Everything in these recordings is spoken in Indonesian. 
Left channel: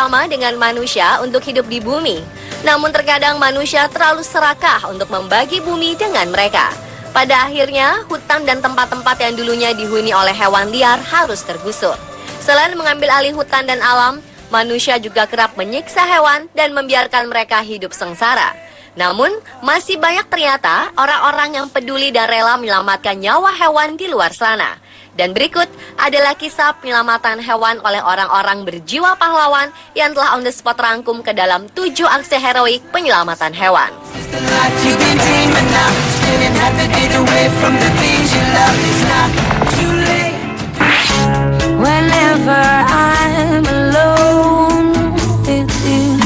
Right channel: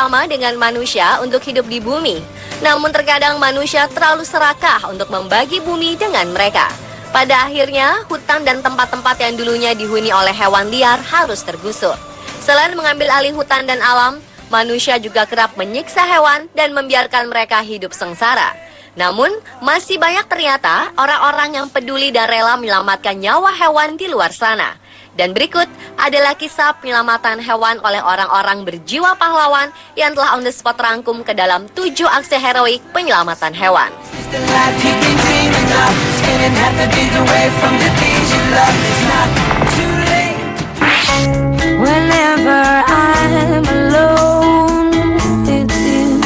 sama dengan manusia untuk hidup di bumi. Namun terkadang manusia terlalu serakah untuk membagi bumi dengan mereka. Pada akhirnya, hutan dan tempat-tempat yang dulunya dihuni oleh hewan liar harus tergusur. Selain mengambil alih hutan dan alam, manusia juga kerap menyiksa hewan dan membiarkan mereka hidup sengsara. Namun, masih banyak ternyata orang-orang yang peduli dan rela menyelamatkan nyawa hewan di luar sana. Dan berikut adalah kisah penyelamatan hewan oleh orang-orang berjiwa pahlawan yang telah on the spot rangkum ke dalam 7 aksi heroik penyelamatan hewan. Whenever I'm alone with you.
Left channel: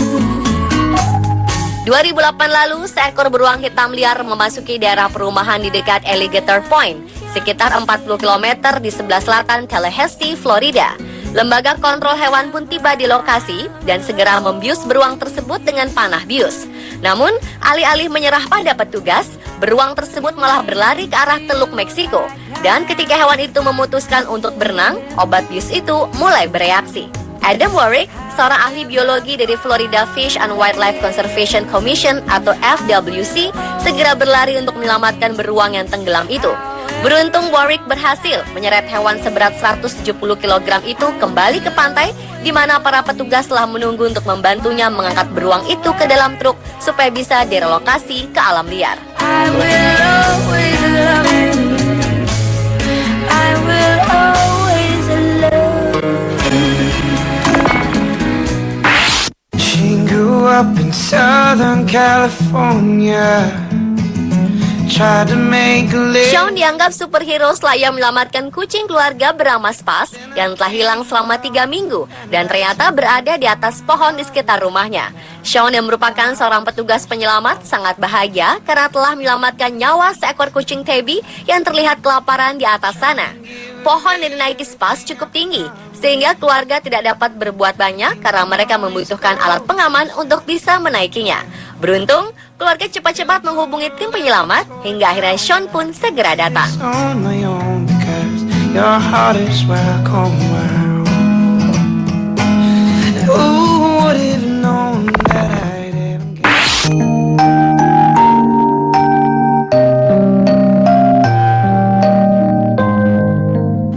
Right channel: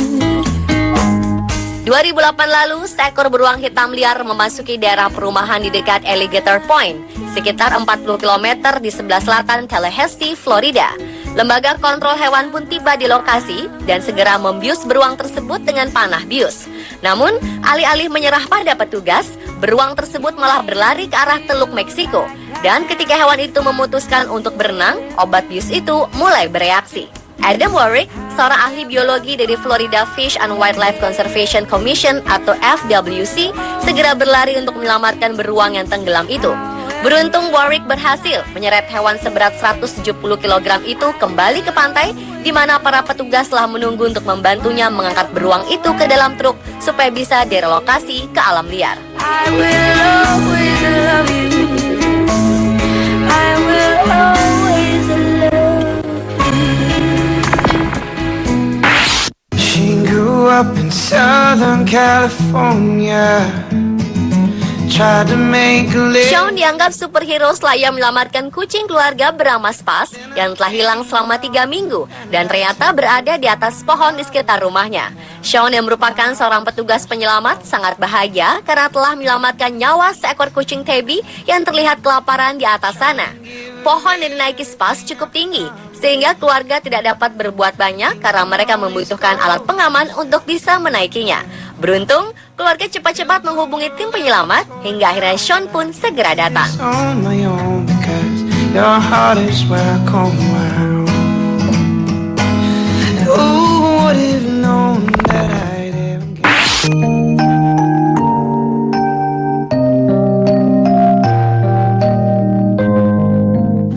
2008 lalu, seekor beruang hitam liar memasuki daerah perumahan di dekat Alligator Point, sekitar 40 km di sebelah selatan Tallahassee, Florida. Lembaga kontrol hewan pun tiba di lokasi dan segera membius beruang tersebut dengan panah bius. Namun, alih-alih menyerah pada petugas, beruang tersebut malah berlari ke arah Teluk Meksiko. Dan ketika hewan itu memutuskan untuk berenang, obat bius itu mulai bereaksi. Adam Warwick, seorang ahli biologi dari Florida Fish and Wildlife Conservation Commission atau FWC, segera berlari untuk menyelamatkan beruang yang tenggelam itu. Beruntung Warwick berhasil menyeret hewan seberat 170 kg itu kembali ke pantai, di mana para petugas telah menunggu untuk membantunya mengangkat beruang itu ke dalam truk supaya bisa direlokasi ke alam liar. I will always love you. I will always love you. She grew up in Southern California. Shaun dianggap superhero setelah ia menyelamatkan kucing keluarga bernama Spas yang telah hilang selama 3 minggu dan ternyata berada di atas pohon di sekitar rumahnya. Shaun yang merupakan seorang petugas penyelamat sangat bahagia karena telah menyelamatkan nyawa seekor kucing tabby yang terlihat kelaparan di atas sana. Pohon yang dinaiki Spas cukup tinggi sehingga keluarga tidak dapat berbuat banyak karena mereka membutuhkan alat pengaman untuk bisa menaikinya. Beruntung, keluarga cepat-cepat menghubungi tim penyelamat hingga akhirnya Shaun pun segera datang.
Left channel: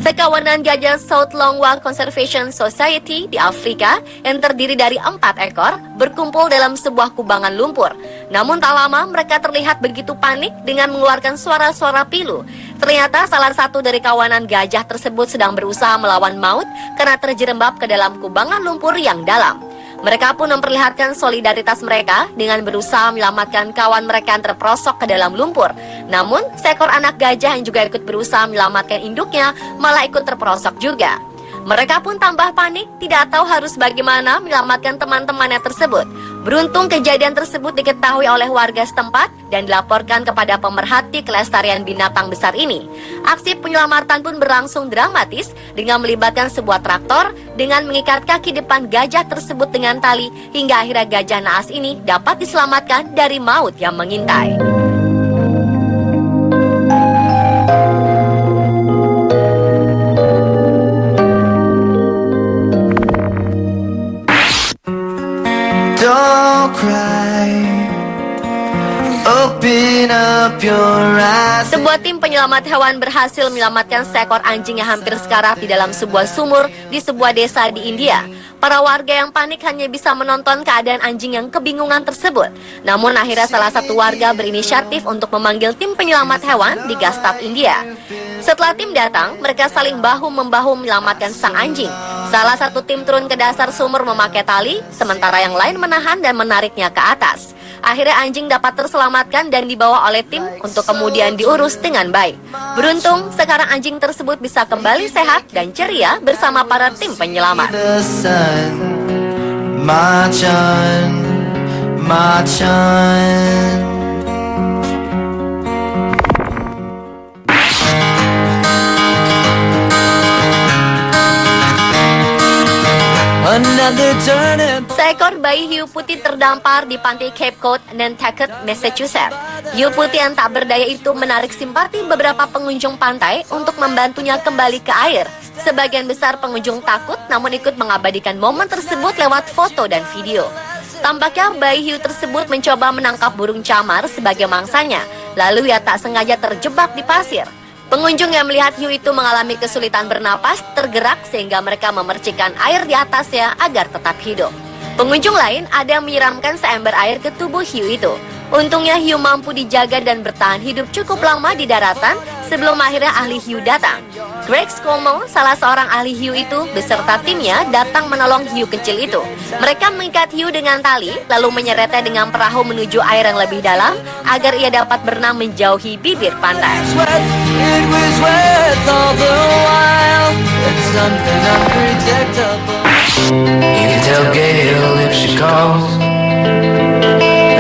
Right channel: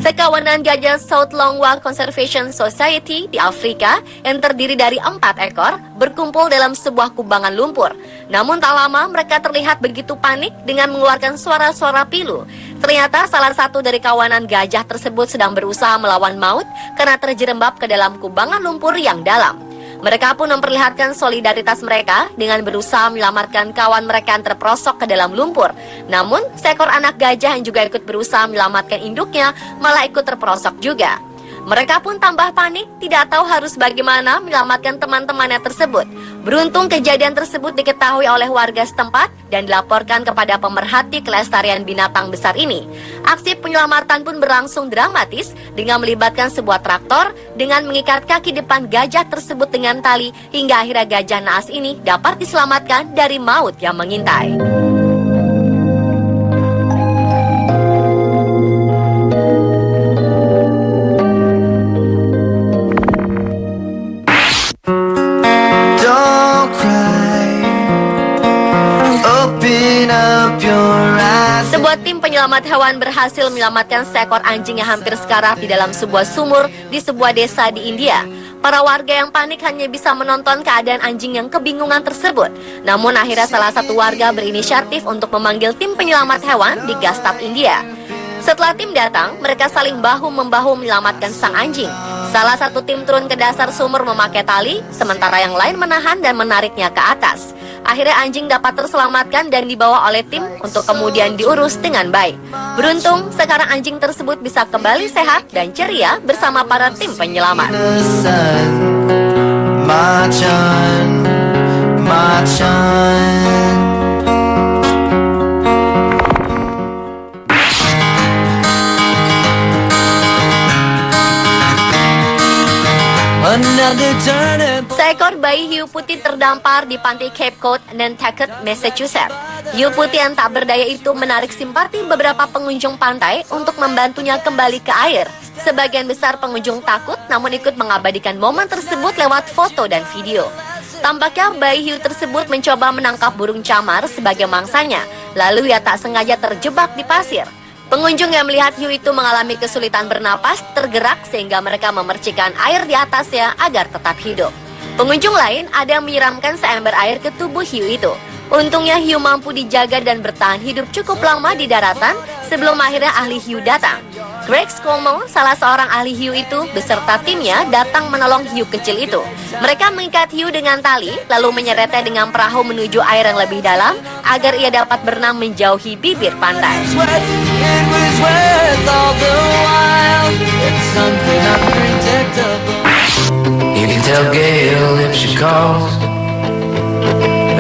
Sekawanan gajah South Longwa Conservation Society di Afrika yang terdiri dari 4 ekor berkumpul dalam sebuah kubangan lumpur. Namun tak lama mereka terlihat begitu panik dengan mengeluarkan suara-suara pilu. Ternyata salah satu dari kawanan gajah tersebut sedang berusaha melawan maut karena terjerembab ke dalam kubangan lumpur yang dalam. Mereka pun memperlihatkan solidaritas mereka dengan berusaha menyelamatkan kawan mereka yang terperosok ke dalam lumpur. Namun, seekor anak gajah yang juga ikut berusaha menyelamatkan induknya malah ikut terperosok juga. Mereka pun tambah panik, tidak tahu harus bagaimana menyelamatkan teman-temannya tersebut. Beruntung kejadian tersebut diketahui oleh warga setempat dan dilaporkan kepada pemerhati kelestarian binatang besar ini. Aksi penyelamatan pun berlangsung dramatis dengan melibatkan sebuah traktor dengan mengikat kaki depan gajah tersebut dengan tali hingga akhirnya gajah naas ini dapat diselamatkan dari maut yang mengintai. Sebuah tim penyelamat hewan berhasil menyelamatkan seekor anjing yang hampir sekarat di dalam sebuah sumur di sebuah desa di India. Para warga yang panik hanya bisa menonton keadaan anjing yang kebingungan tersebut. Namun akhirnya salah satu warga berinisiatif untuk memanggil tim penyelamat hewan di Gastad, India. Setelah tim datang, mereka saling bahu-membahu menyelamatkan sang anjing. Salah satu tim turun ke dasar sumur memakai tali, sementara yang lain menahan dan menariknya ke atas. Akhirnya anjing dapat terselamatkan dan dibawa oleh tim untuk kemudian diurus dengan baik. Beruntung, sekarang anjing tersebut bisa kembali sehat dan ceria bersama para tim penyelamat. Seekor bayi hiu putih terdampar di pantai Cape Cod, Nantucket, Massachusetts. Hiu putih yang tak berdaya itu menarik simpati beberapa pengunjung pantai untuk membantunya kembali ke air. Sebagian besar pengunjung takut namun ikut mengabadikan momen tersebut lewat foto dan video. Tampaknya bayi hiu tersebut mencoba menangkap burung camar sebagai mangsanya, lalu ia tak sengaja terjebak di pasir. Pengunjung yang melihat hiu itu mengalami kesulitan bernapas, tergerak sehingga mereka memercikan air di atasnya agar tetap hidup. Pengunjung lain ada yang menyiramkan seember air ke tubuh hiu itu. Untungnya hiu mampu dijaga dan bertahan hidup cukup lama di daratan sebelum akhirnya ahli hiu datang. Greg Como, salah seorang ahli hiu itu, beserta timnya datang menolong hiu kecil itu. Mereka mengikat hiu dengan tali, lalu menyeretnya dengan perahu menuju air yang lebih dalam agar ia dapat berenang menjauhi bibir pantai. It was worth all the while. It's something unpredictable. You can tell Gail if she calls.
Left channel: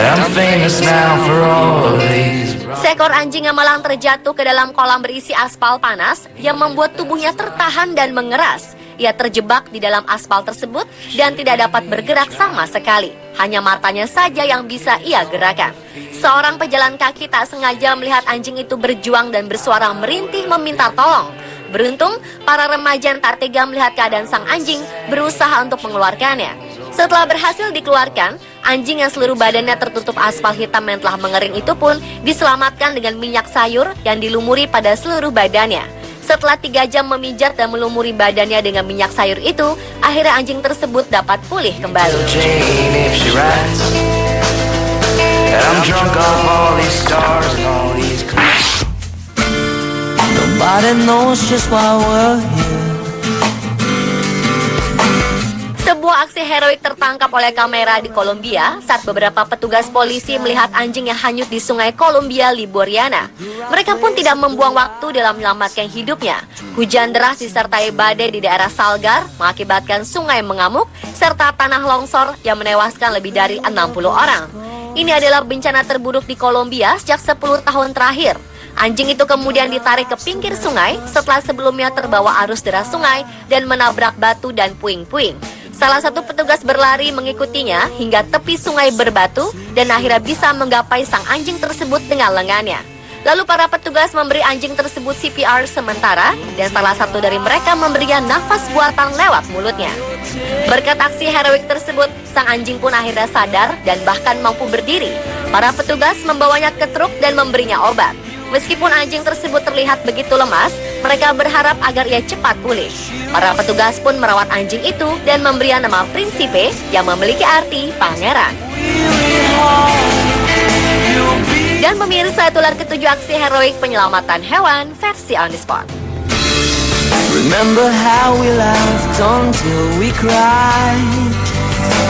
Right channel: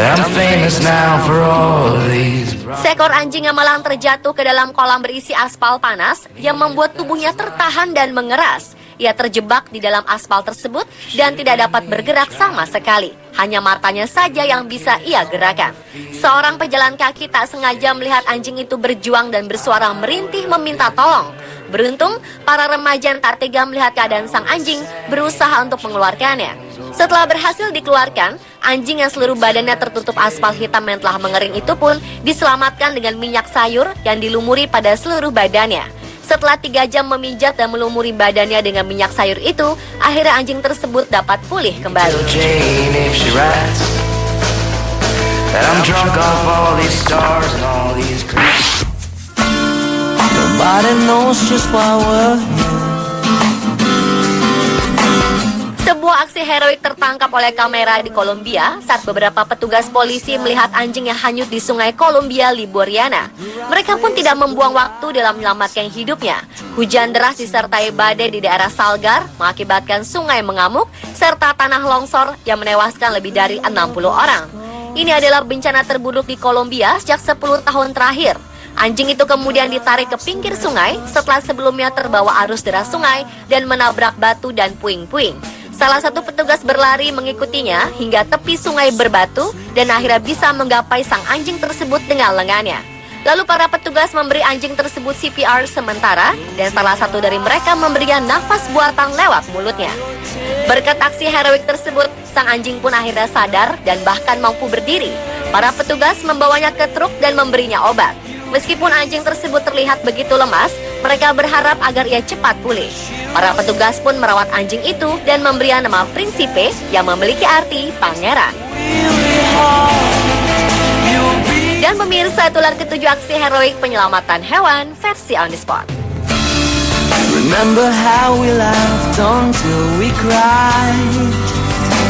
I'm famous now for all of these. Seekor anjing yang malang terjatuh ke dalam kolam berisi aspal panas yang membuat tubuhnya tertahan dan mengeras. Ia terjebak di dalam aspal tersebut dan tidak dapat bergerak sama sekali. Hanya matanya saja yang bisa ia gerakan. Seorang pejalan kaki tak sengaja melihat anjing itu berjuang dan bersuara merintih meminta tolong. Beruntung, para remaja yang tak tega melihat keadaan sang anjing berusaha untuk mengeluarkannya. Setelah berhasil dikeluarkan, anjing yang seluruh badannya tertutup aspal hitam yang telah mengering itu pun diselamatkan dengan minyak sayur yang dilumuri pada seluruh badannya. Setelah 3 jam memijat dan melumuri badannya dengan minyak sayur itu, akhirnya anjing tersebut dapat pulih kembali. Jane if she writes. I'm drunk off all these stars and all these clouds. Nobody knows just why we're here. Sebuah aksi heroik tertangkap oleh kamera di Kolombia saat beberapa petugas polisi melihat anjing yang hanyut di sungai Columbia Liboriana. Mereka pun tidak membuang waktu dalam menyelamatkan hidupnya. Hujan deras disertai badai di daerah Salgar mengakibatkan sungai mengamuk serta tanah longsor yang menewaskan lebih dari 60 orang. Ini adalah bencana terburuk di Kolombia sejak 10 tahun terakhir. Anjing itu kemudian ditarik ke pinggir sungai setelah sebelumnya terbawa arus deras sungai dan menabrak batu dan puing-puing. Salah satu petugas berlari mengikutinya hingga tepi sungai berbatu dan akhirnya bisa menggapai sang anjing tersebut dengan lengannya. Lalu para petugas memberi anjing tersebut CPR sementara dan salah satu dari mereka memberikan nafas buatan lewat mulutnya. Berkat aksi heroik tersebut, sang anjing pun akhirnya sadar dan bahkan mampu berdiri. Para petugas membawanya ke truk dan memberinya obat. Meskipun anjing tersebut terlihat begitu lemas, mereka berharap agar ia cepat pulih. Para petugas pun merawat anjing itu dan memberinya nama Principe yang memiliki arti pangeran. Dan pemirsa, itulah ketujuh aksi heroik penyelamatan hewan versi On The Spot. Remember how we laughed until we cried.